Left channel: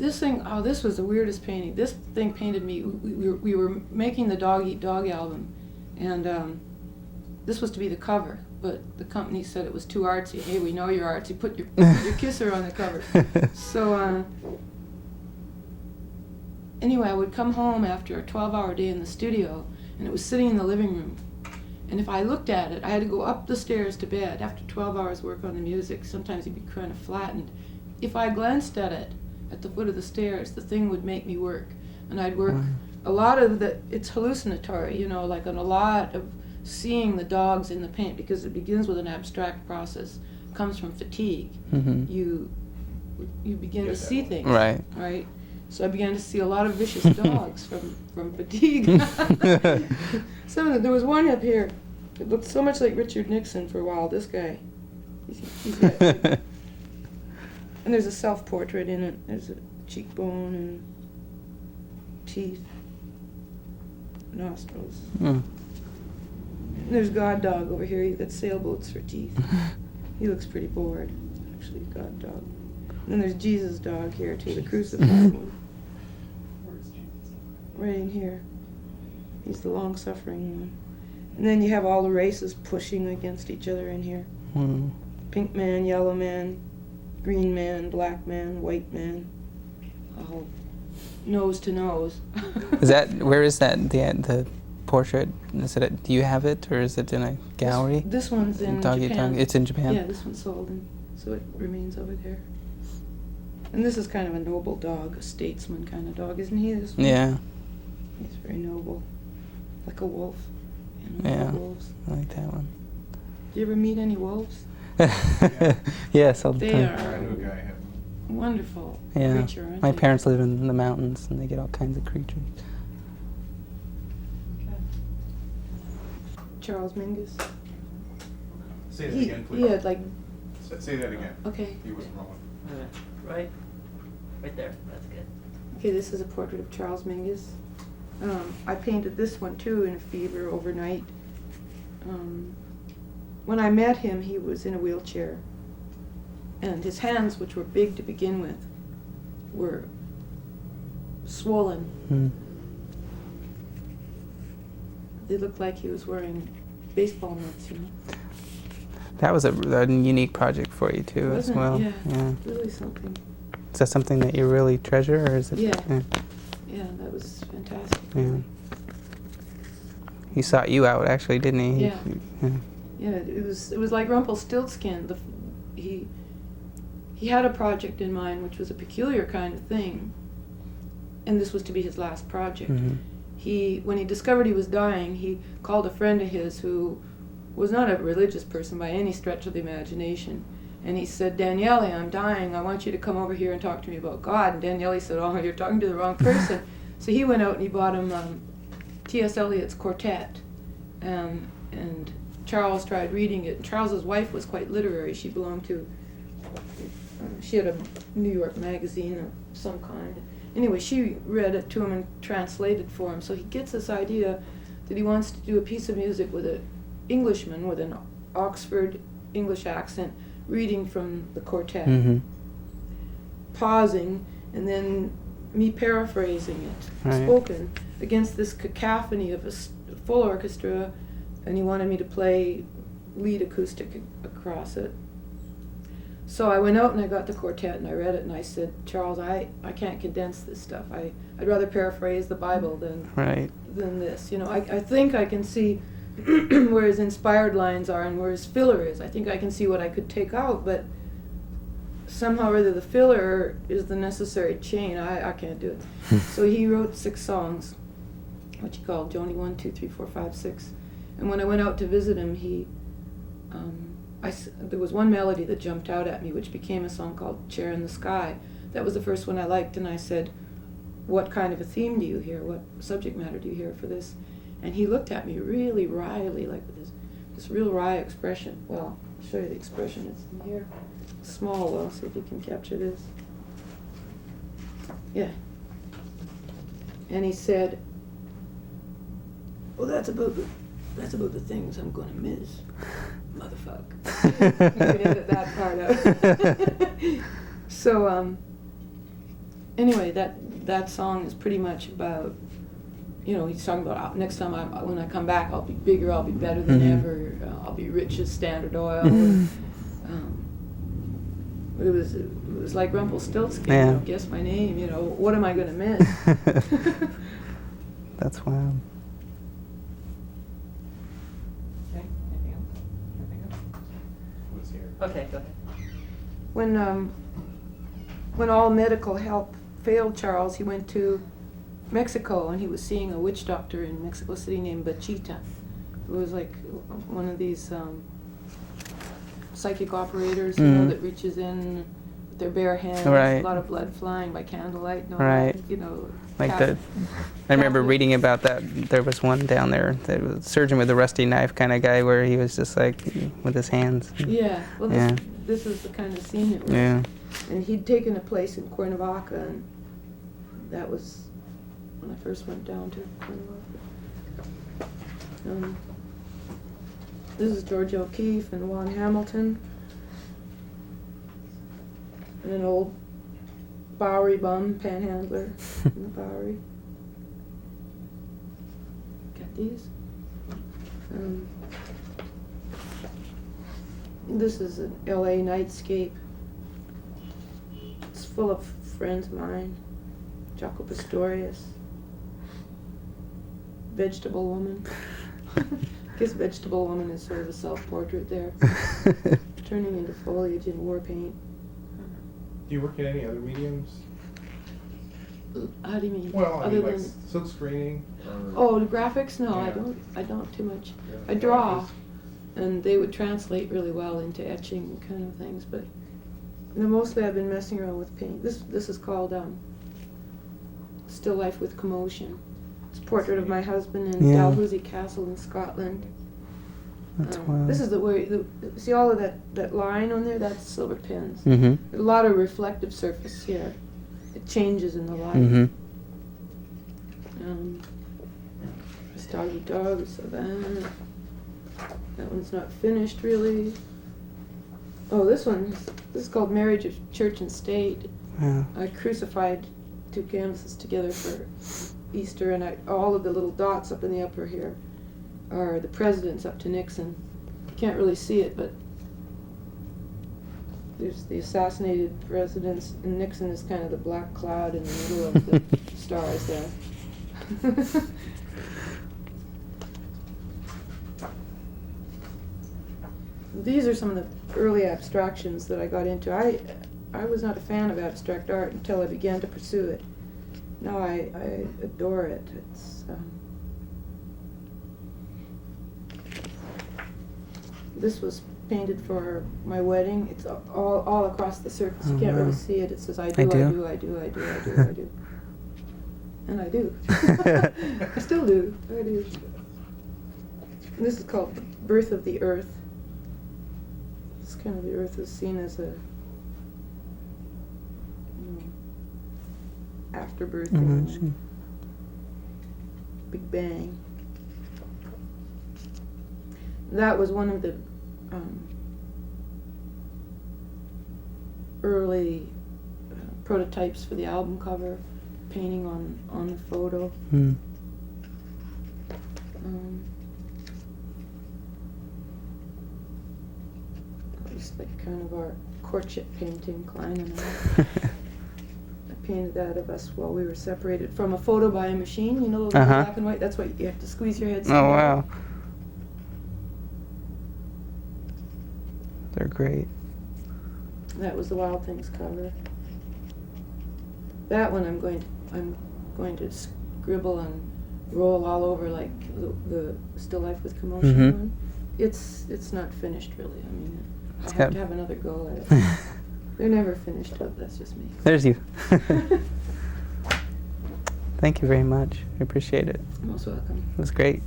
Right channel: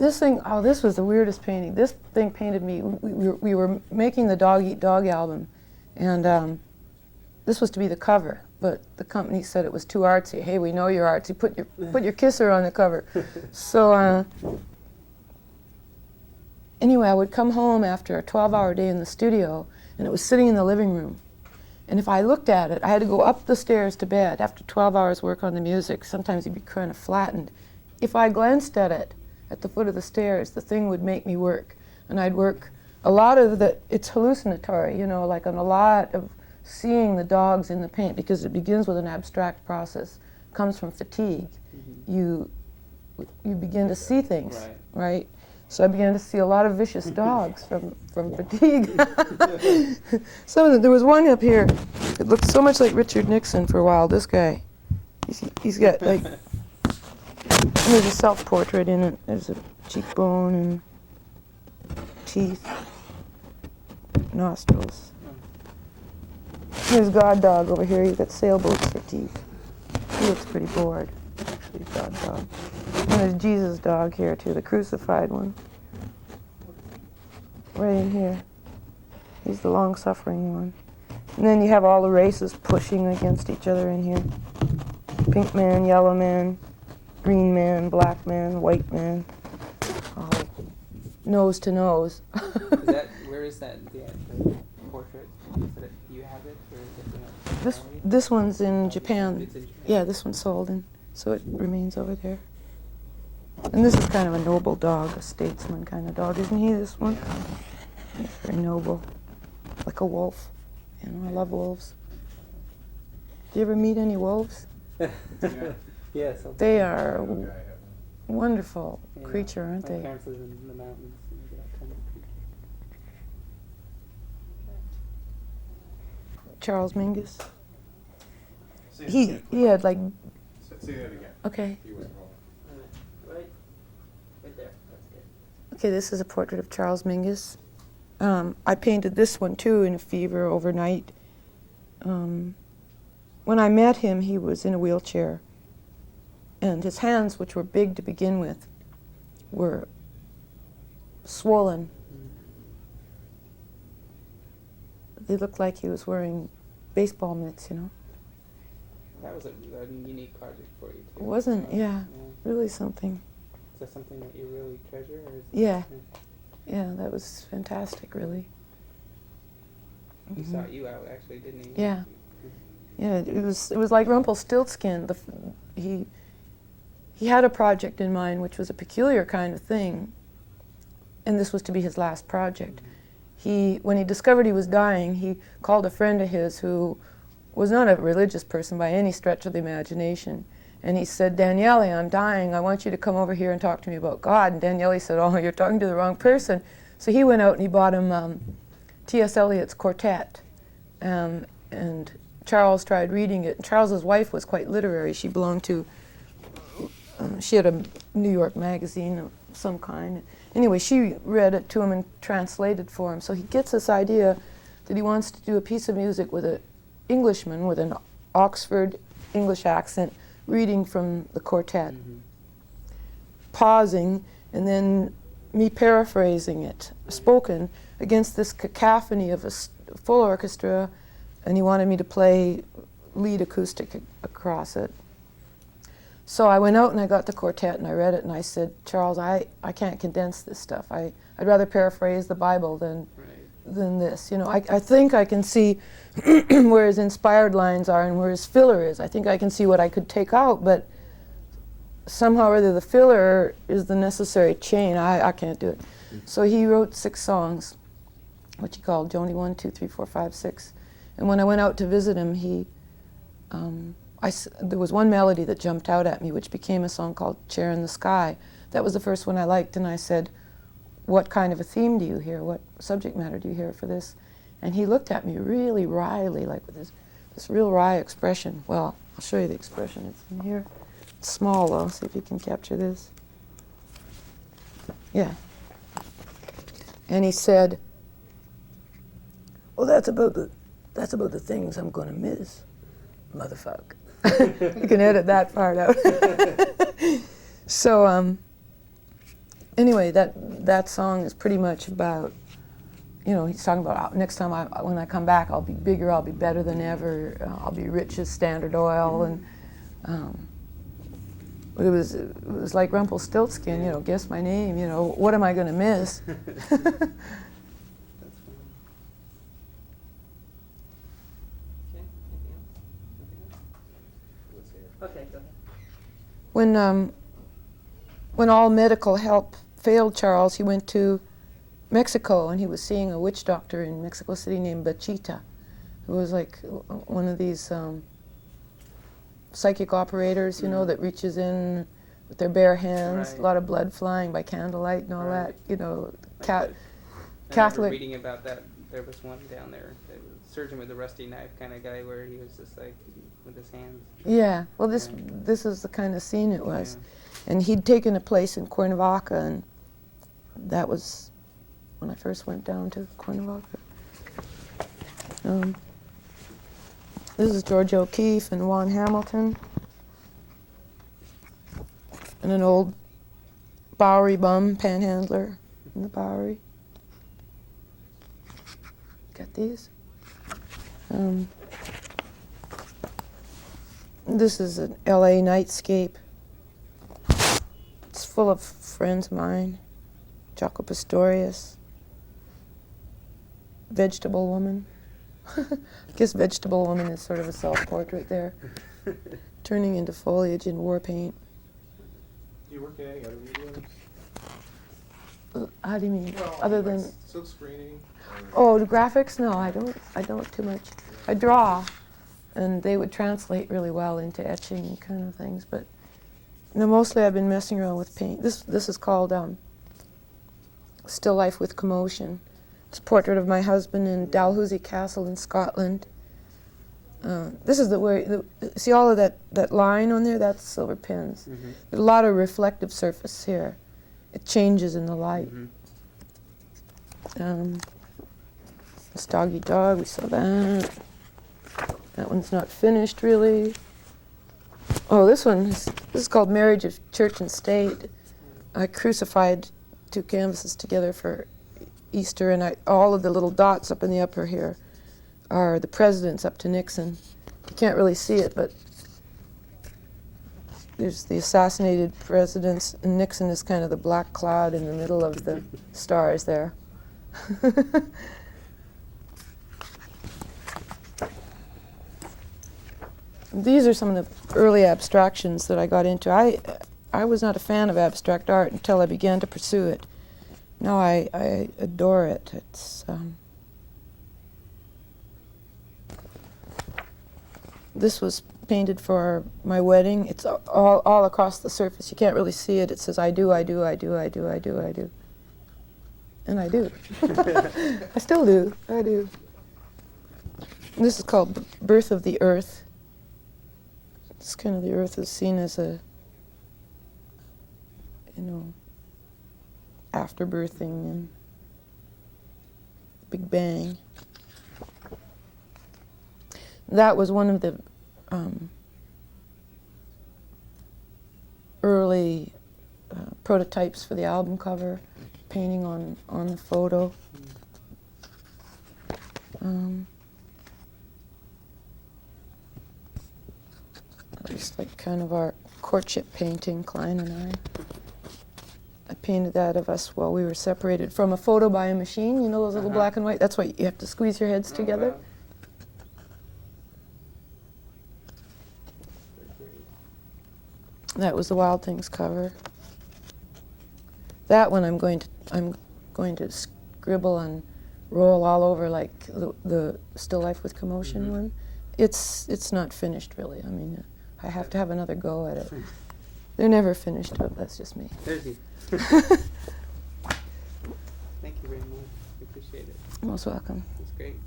This thing, oh, this was the weirdest painting. This thing painted me. We were making the Dog Eat Dog album, and this was to be the cover, but the company said it was too artsy. Hey, we know you're artsy. Put your kisser on the cover. So anyway, I would come home after a 12-hour day in the studio, and it was sitting in the living room. And if I looked at it, I had to go up the stairs to bed after 12 hours work on the music. Sometimes it'd be kind of flattened. If I glanced at it at the foot of the stairs, the thing would make me work. And I'd work a lot of it's hallucinatory, you know, like on a lot of seeing the dogs in the paint, because it begins with an abstract process. It comes from fatigue. You begin to see things, right? So I began to see a lot of vicious dogs from fatigue. There was one up here. It looked so much like Richard Nixon for a while. This guy, he's got like, there's a self-portrait in it. There's a cheekbone and teeth, nostrils. There's God Dog over here. He's got sailboats for teeth. He looks pretty bored. Actually, God Dog. And there's Jesus Dog here too, the crucified one. Right in here. He's the long-suffering one. And then you have all the races pushing against each other in here. Pink man, yellow man, green man, black man, white man. All nose to nose. Where is that, the portrait? Do you have it, or is it in a gallery? This one's in Japan. It's in Japan? Yeah, this one's sold, so it remains over there. And this is kind of a noble dog, a statesman kind of dog, isn't he, this one? Yeah. He's very noble, like a wolf. You know, I love wolves. I like that one. Do you ever meet any wolves? Yes, all the time. They are wonderful creature, aren't My they? parents live in the mountains, and they get all kinds of creatures. Charles Mingus. Say that again, please. He had like... Say that again. Okay. He wasn't rolling. Right there, that's good. Okay, this is a portrait of Charles Mingus. I painted this one too in a fever overnight. When I met him, he was in a wheelchair, and his hands, which were big to begin with, were swollen. They looked like he was wearing baseball mitts, you know. That was a unique project for you too, Wasn't as well. it? Yeah, really something. Is that something that you really treasure, or is it? Yeah. That was fantastic, really. He sought you out, actually, didn't he? Yeah. Yeah, it was like Rumpelstiltskin. He had a project in mind, which was a peculiar kind of thing, and this was to be his last project. When he discovered he was dying, he called a friend of his who was not a religious person by any stretch of the imagination. And he said, Daniele, I'm dying. I want you to come over here and talk to me about God. And Daniele said, oh, you're talking to the wrong person. So he went out and he bought him T.S. Eliot's Quartet. And Charles tried reading it. And Charles's wife was quite literary. She belonged to, she had a New York magazine of some kind. Anyway, she read it to him and translated for him. So he gets this idea that he wants to do a piece of music with an Englishman with an Oxford English accent reading from the quartet, pausing, and then me paraphrasing it, spoken, against this cacophony of a full orchestra, and he wanted me to play lead acoustic across it. So I went out and I got the quartet and I read it and I said, Charles, I can't condense this stuff. I'd rather paraphrase the Bible than this. You know, I think I can see where his inspired lines are and where his filler is. I think I can see what I could take out, but somehow or other the filler is the necessary chain. I can't do it. So he wrote 6 songs, which he called Joni 1, 2, 3, 4, 5, 6. And when I went out to visit him, there was one melody that jumped out at me, which became a song called Chair in the Sky. That was the first one I liked, and I said, what kind of a theme do you hear? What subject matter do you hear for this? And he looked at me really wryly, like with this real wry expression. Well, I'll show you the expression. It's in here. It's small, though. See if you can capture this. Yeah. And he said, well, that's about the things I'm going to miss, motherfucker. You can edit that part out. So, anyway, that song is pretty much about, you know, he's talking about next time when I come back, I'll be bigger, I'll be better than ever, I'll be rich as Standard Oil. And, it was like Rumpelstiltskin, you know, guess my name, you know, what am I going to miss? That's wild. Okay, anything else? Anything else? Let's hear. Okay, go ahead. When all medical help failed Charles, he went to Mexico, and he was seeing a witch doctor in Mexico City named Bachita, who was like one of these psychic operators, you know, that reaches in with their bare hands, a lot of blood flying by candlelight and all that, you know. Like I remember reading about that. There was one down there, that was a surgeon with a rusty knife kind of guy, where he was just like with his hands. Yeah, well, this is the kind of scene it was. Yeah. And he'd taken a place in Cuernavaca, and that was when I first went down to Cuernavaca. This is George O'Keeffe and Juan Hamilton, and an old Bowery bum panhandler in the Bowery. Got these. This is an LA nightscape. It's full of friends of mine. Jaco Pastorius. Vegetable Woman. I guess Vegetable Woman is sort of a self-portrait there. Turning into foliage in war paint. Do you work in any other mediums? How do you mean? Well, Other like than silk screening? oh, the graphics? No, I don't too much. I draw, and they would translate really well into etching kind of things. But no, mostly I've been messing around with paint. This is called Still Life with Commotion. It's a portrait of my husband in Dalhousie Castle in Scotland. This is see all of that line on there? That's silver pins. There's a lot of reflective surface here. It changes in the light. This doggy dog, we saw that. That one's not finished really. Oh, this is called Marriage of Church and State. I crucified two canvases together for Easter, and all of the little dots up in the upper here are the presidents up to Nixon. You can't really see it, but there's the assassinated presidents, and Nixon is kind of the black cloud in the middle of the stars there. These are some of the early abstractions that I got into. I was not a fan of abstract art until I began to pursue it. Now I adore it. It's this was painted for my wedding. It's all across the surface. You can't really see it. It says I do, I do, I do, I do, I do, I do. And I do. I still do. I do. And this is called Birth of the Earth. It's kind of the Earth is seen as a, afterbirth thing. Big Bang. That was one of the early prototypes for the album cover, painting on the photo. Just like kind of our courtship painting, Klein and I. I painted that of us while we were separated from a photo by a machine, you know, those little black and white. That's why you have to squeeze your heads together. Oh, wow. They're great. That was the Wild Things cover. That one I'm going to scribble and roll all over like the Still Life with Commotion one. It's not finished really. I mean, I have to have another go at it. They're never finished, but that's just me. There's you. Thank you very much. I appreciate it. You're most welcome. It was great.